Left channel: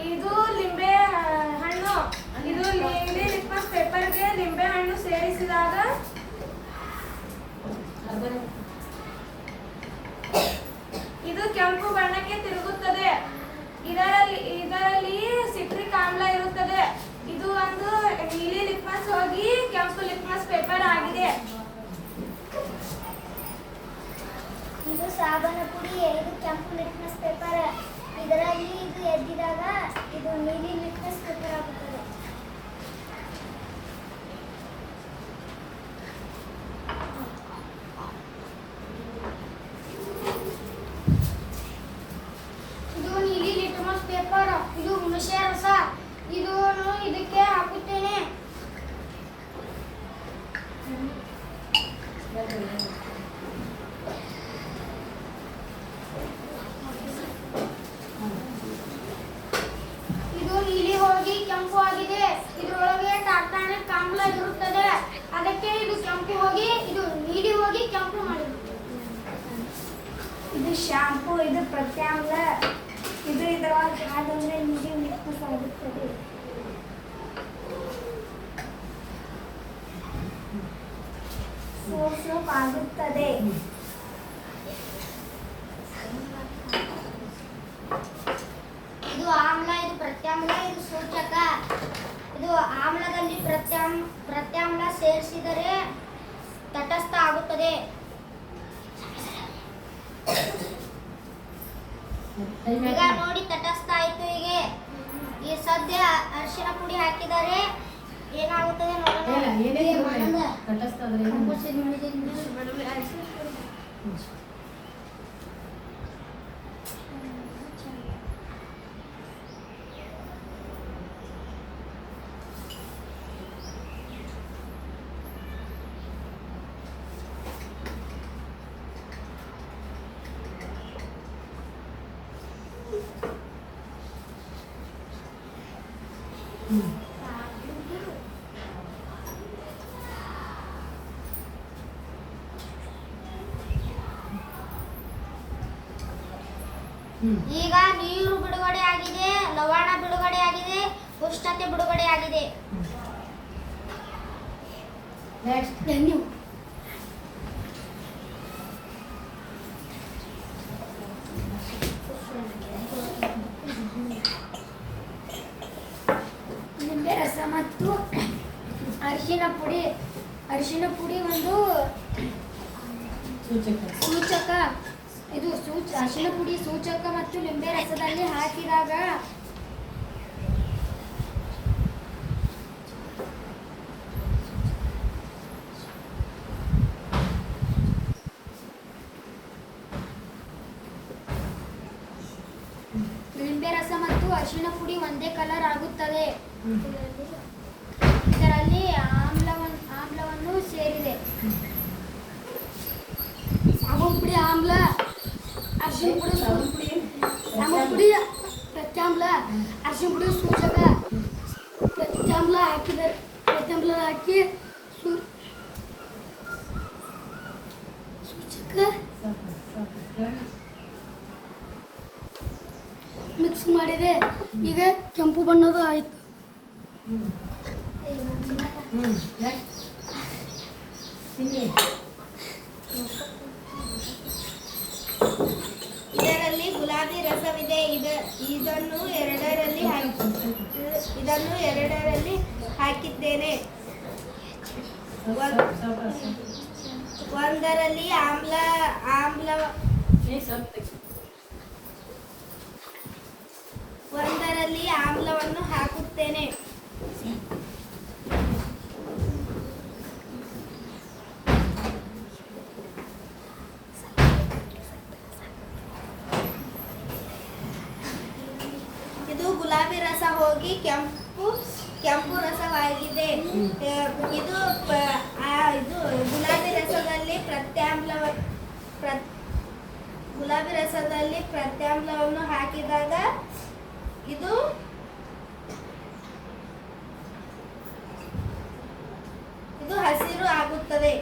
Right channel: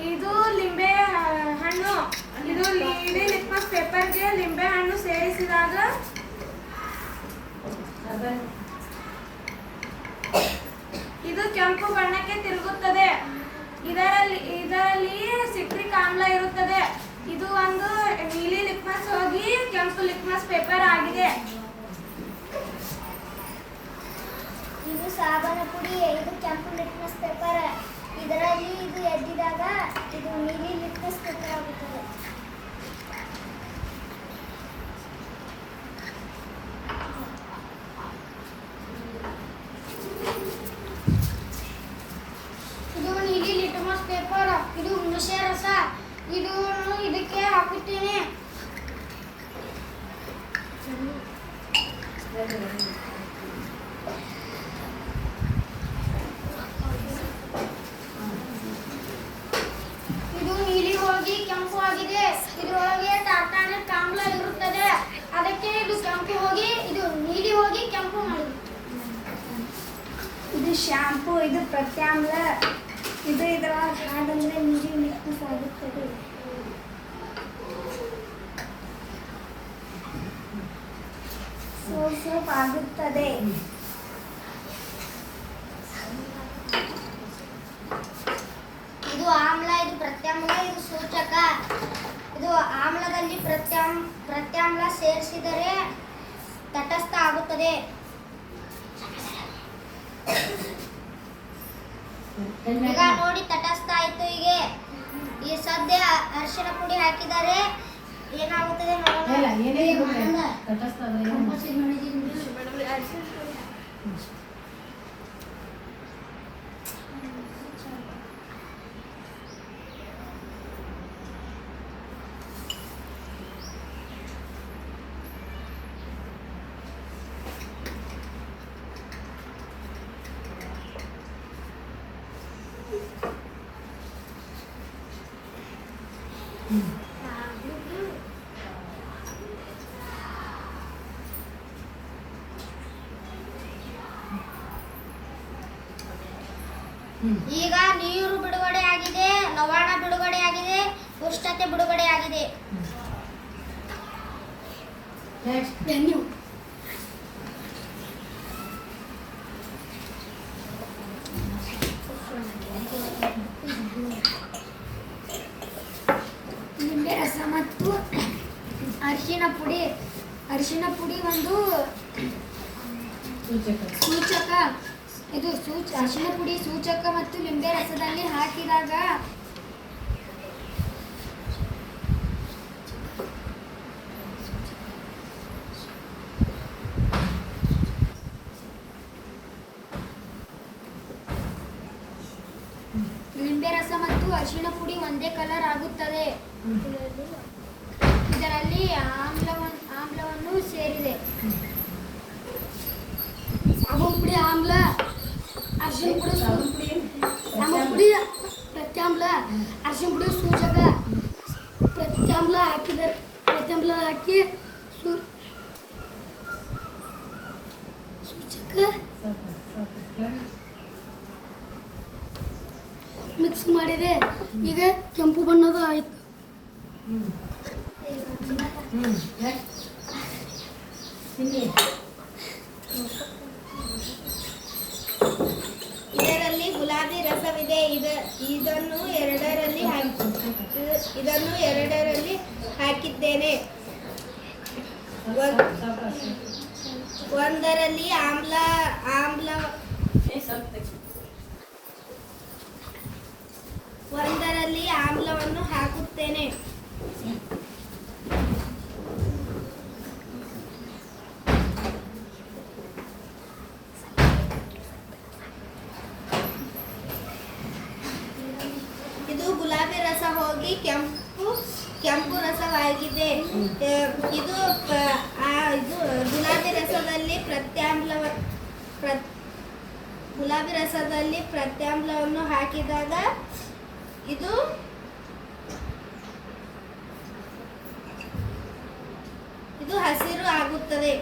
ಇದು ಲಿಂಬೆ ಹಣ್ಣು. ಇದು ನೀಲಿ ಲಿಟ್ಮಸ್ ಪೇಪರ್ಗೆ ಲಿಂಬೆ ಹಣ್ಣು ಸೇರಿಸಿದಾಗ ಇದು ಕೆಂಪು ಬಣ್ಣಕ್ಕೆ ತಿರುಗುತ್ತದೆ. ಇದರಲ್ಲಿ ಸಿಟ್ರಿಕ್ ಆಮ್ಲ ಇರುತ್ತದೆ. ಇದು ಒಂದು ನೀಲಿ ಲಿಟ್ಮಸ್ ಹೋಗಿ ಕೆಂಪು ಲಿಟ್ಮಸ್ ಪೇಪರ್ ಆಗಿದೆ. ಇದು ಸಾಬಾನ ಪುಡಿ, ಇದು ಕೆಂಪು ಲಿಟ್ಮಸ್ ಪೇಪರ್. ಇದರಲ್ಲಿ ಇದು ಎದ್ದಿದಾಗ ಇದು ನೀಲಿ ಲಿಟ್ಮಸ್ ಪೇಪರ್ ಆಗುತ್ತದೆ. ಇದು ನೀಲಿ ಲಿಟ್ಮಸ್ ಪೇಪರ್. ಇದು ಹುಣಸೆ ರಸ. ಇದನ್ನು ಇದಕ್ಕೆ ಹಾಕುತ್ತೇನೆ. ಇದು ನೀಲಿ ಹೋಗಿ ಕೆಂಪು ಆಗಿದೆ. ಇದರೊಳಗೆ ಟಾರ್ಟಾನಿಕ್ ಆಮ್ಲ ಇರುತ್ತದೆ. ಅದಕ್ಕೆ ಇದು ಕೆಂಪು ಹೋಗಿ ಇದು ನೀಲಿ ಹೋಗಿ ಕೆಂಪು ಮಾಡಿದೆ. ಇದು ಶಾಂಪೂ, ಇದು ಪ್ರತ್ಯಾಮ್ಲ. ಇದು ಇದರೊಳಗೆ ಹಾಕಂದ್ರೆ ನೀಲಿ ಲಿಟ್ಮಸ್ ಆಗುತ್ತದೆ. ಸೋಪ್ ಆಗುತ್ತದೆ. ಇದು ಆಮ್ಲ, ಇದು ಪ್ರತ್ಯಾಮ್ಲ, ಇದು ಸೂಚಕ. ಇದು ಆಮ್ಲದಲ್ಲಿ ಪ್ರತ್ಯಾಮ್ಲ ಸೇರಿಸಿದರೆ ತಟಸ್ಥ ಆಗುತ್ತದೆ. ಈಗ ನೋಡಿ ತಟಸ್ಥ ಆಯ್ತು. ಈ ಸದ್ಯ ಅರಿಶಿನ ಪುಡಿ ಹಾಕಿದರೆ ಏನಾಗುತ್ತದೆ ನೋಡೋಣ. ಈಗ ನೀರು ಬಿಡುಗಡೆ ಆಗಿದೆ, ಲವಣ ಬಿಡುಗಡೆ ಆಗಿದೆ, ಉಷ್ಣತೆ ಬಿಡುಗಡೆ ಆಗಿದೆ. ನಿಂಬೆ ರಸ ಮತ್ತು ಅರಿಶಿನ ಪುಡಿ ಒಂದು ಸೂಚಕ. ಇದು ಅರಿಶಿನ ಪುಡಿ ಸೂಚಕ ಮತ್ತು ಲಿಂಬೆ ರಸದಲ್ಲಿ ಹಾಕಿದಾಗ ಲಿಂಬೆ ರಸ ಮತ್ತು ಅರಿಶಿನ ಪುಡಿ ಒಂದೇ ಕಲರ್ ಆಗುತ್ತದೆ. ಇದರಲ್ಲಿ ಆಮ್ಲವನ್ನು ಸೇರಿದೆ. ಸಾಬೂನು ಪುಡಿ ಆಮ್ಲ, ಅರಿಶಿನ ಪುಡಿ ಪ್ರತ್ಯಾಮ್ಲ, ಅರಿಶಿನ ಪುಡಿ ಸೂಚಕ. ಪ್ರತ್ಯಾಮ್ಲ ಹಾಕಿ ಸೂಚಕ ಮಿಕ್ಸ್ ಮಾಡಿದೆ. ಈಗ ಕೆಂಪು ಬಣ್ಣದ ಆಯ್ತು. ಇದರಲ್ಲಿ ಗುಲಾಬಿ ರಸವಿದೆ. ಇದನ್ನು ಎರಡರಲ್ಲಿ ಹಾಕಿದ್ದೇನೆ. ಒಂದರಲ್ಲಿ ಆಮ್ಲವನ್ನು ಹಾಕುತ್ತೇನೆ. ಇದು ಗುಲಾಬಿ ರಸ ಹೋಗಿ ಕೆಂಪು ರಸವಾಗಿದೆ. ಇದು ಗುಲಾಬಿ ರಸದಲ್ಲಿ ಪ್ರತ್ಯಾಮ್ಲವನ್ನು ಹಾಕಿದಾಗ ಇದು ಹಸಿರು ಆಗುತ್ತದೆ.